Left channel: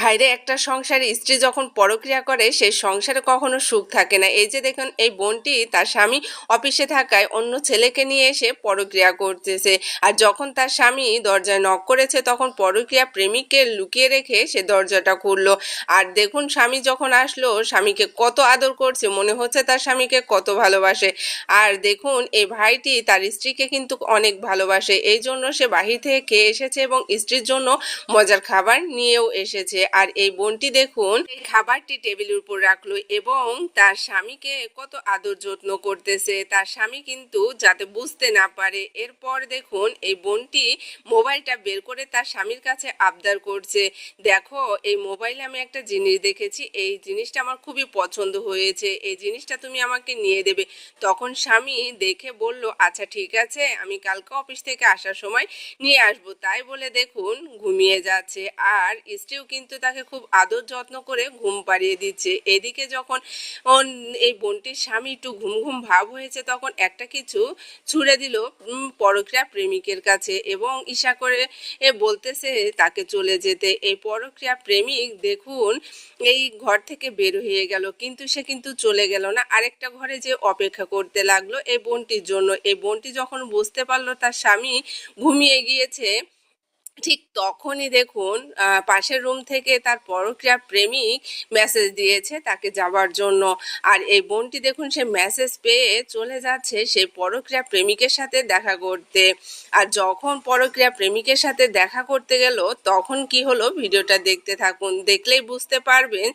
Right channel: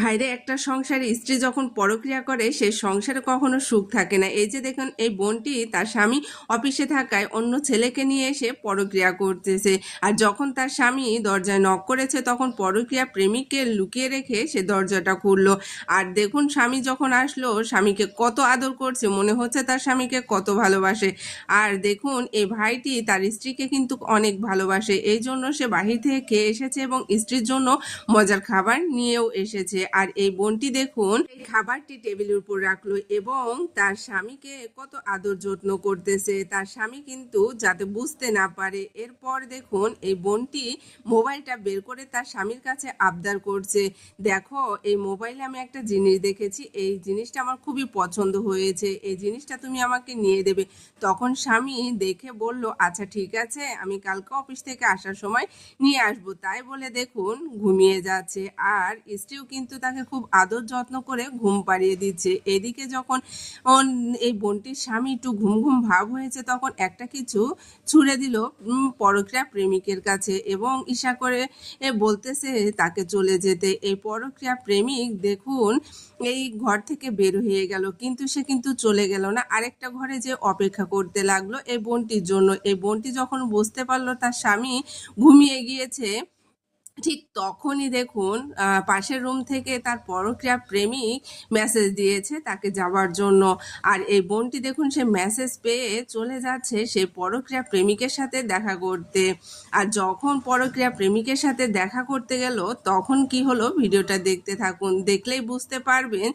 ভাইরে একটা সংসারে স্ত্রী যখন পরক্রিয়া করে সেই সংসারে কখনো সুখ থাকে না। এই যে দেখুন এই বোনটি তার স্বামী অফিসে থাকায় অন্য ছেলেকে নিয়ে এসে পরক্রিয়া করতেছে। আর যখন তার স্বামী দরজায় নক করেছে তখন পরক্রিয়া প্রেমিককে লুকিয়ে রেখে সে দরজাটা খুললো। আর দেখুন স্বামী যখন আসলো স্বামীকে কত আদর করছে, মনে হচ্ছে তার স্বামীকে কত ভালোবাসে। আর দেখুন এই ভাইটি তার স্ত্রীকে কিন্তু অনেক ভালোবাসে, এই জন্য সে বাহির থেকে খেয়ে এসেছে এবং স্ত্রীর জন্য মজার খাবার নিয়েও এসেছে। আর এই বোনটি দেখুন এই খাবারটি টেবিলের উপর রাখলো এবং তার স্বামীকে কত আদর যত্ন করতেছে, তার স্বামী কিন্তু যাতে বুঝতে না পারে। এরপর দেখুন এই বোনটি মোবাইলটা বের করে তার স্বামীর কাছে আবদার করছে, দেখো এই মোবাইলে আমি একটা জিনিস দেখেছি, এই জিনিসটা আমার খুবই পছন্দ হয়েছে, এই জিনিসটা তুমি আমাকে নিয়ে দেবে। তখন স্বামী দেখে বলল, আচ্ছা ঠিক আছে, আমি কালকে অফিস থেকে আসার সময় নিয়ে আসবো। তাই বলে দেখুন ঘুমিয়ে যাচ্ছে। আর স্ত্রীও কিন্তু তাকে খুব আদর যত্ন করে ঘুম পাড়িয়ে দিচ্ছে। এদিকে যখন এই বোনটির স্বামী একটু ঘুম ঘুম ভাব হয়েছে তখন একটা কিছু ছুঁড়ে দিল পরক্রিয়া প্রেমিকের কাছে এবং ঈশা করে বলতেছে তাকে চলে যেতে। এই পরক্রিয়া প্রেমিক দেখুন এই ঘর থেকে বের হয়ে গেল, কিন্তু সে কিন্তু চলে গেল না, আরেকটা ঘরে যে অপেক্ষা করতে লাগলো এই বোনটির জন্য। এই বোনটি যখন বুঝতে পারলো তার স্বামী ঘুমিয়ে গিয়েছে, ঠিক তখনই দেখুন পাশের রুম থেকে তার পরক্রিয়া প্রেমিক মেসেজ দিয়েছে তাকে যাবার জন্য। আর এই বোনটি দেখুন সে মেসেজ পেয়ে চলে যাচ্ছে সেই পরক্রিয়া প্রেমিকের সাথে দেখা করতে। আর যখন পরক্রিয়া প্রেমিকের সাথে দেখা করতে গেল তখন কি হলো ভিডিওটা দেখতে থাকুন, দেখলেই বুঝতে পারবেন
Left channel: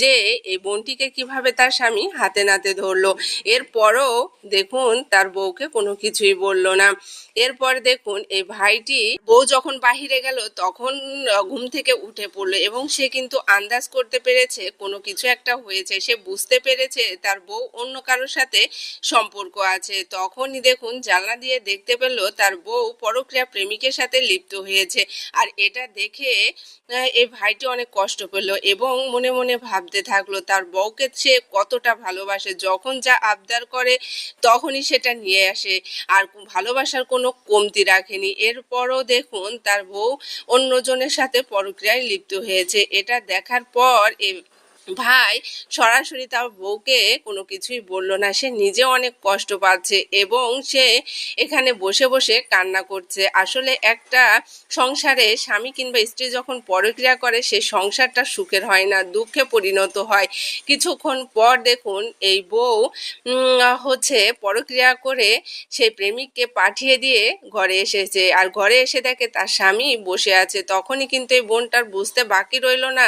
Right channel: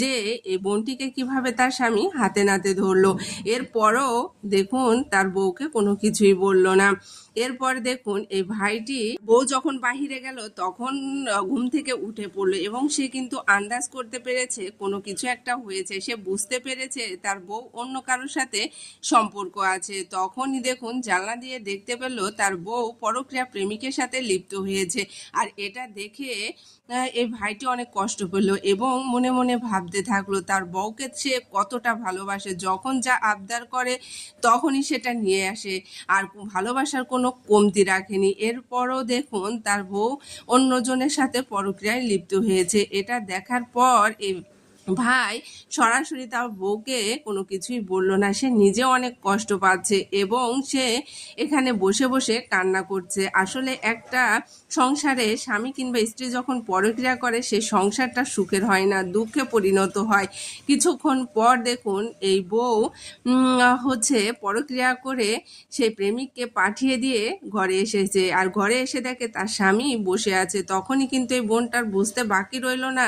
যে এই বোনটিকে কিভাবে তার স্বামী হাতে নাতে ধরলো। এরপরও দেখুন তার বউকে কোনো কিছুই বলল না। এরপর দেখুন এই ভাইটি বউ যখন বাহিরে গেল তখন ঘুম থেকে উঠে পড়লো এবং সে কিন্তু আন্দাজ করতে পেরেছে কোনো কিছু একটা হয়েছে, সে বুঝতে পেরেছে তার বউ অন্য কারোর সাথে সম্পর্ক আছে। তখনই দেখুন জানলা দিয়ে দেখতে পেল তার বউ পরক্রিয়া প্রেমিকের সাথে লিপ্ত হয়েছে। আর এটা দেখে এই ভাইটি অনেক কষ্ট পেল এবং মনে মনে ভাবতে থাকলো তার বউকে সে কতটা ভালোবাসে, যখন যা আবদার করে তখনই সেটা নিয়ে আসে, আর ভালোবাসার কোনো কমতি রাখেনি। এরপরও দেখুন তার বউ অন্যজনের সাথে পরক্রিয়ায় লিপ্ত হয়েছে। এটা দেখার পর ভাই সরাসরি তার বউকে কোনো কিছুই বলল না, সে নিজে অনেক কষ্ট পাচ্ছে এবং সে এখানে বসে বসে কান্না করছে। আসলে একটা সংসারে স্বামী কিংবা স্ত্রী যখন পরক্রিয়া করে সে সংসারটা সুখের হয় না, দুঃখে পরিণত হয়। কিছুক্ষণ পর দেখুন এই বউ হচ্ছে পরক্রিয়া করে সেই প্রেমিককে পাঠিয়ে দিয়ে ঘরে এসেছে। আর ঘরে এসে দেখে তার স্বামী বসে আছে। তখনই কিন্তু এই বোনটার বুঝতে বাকি রইল না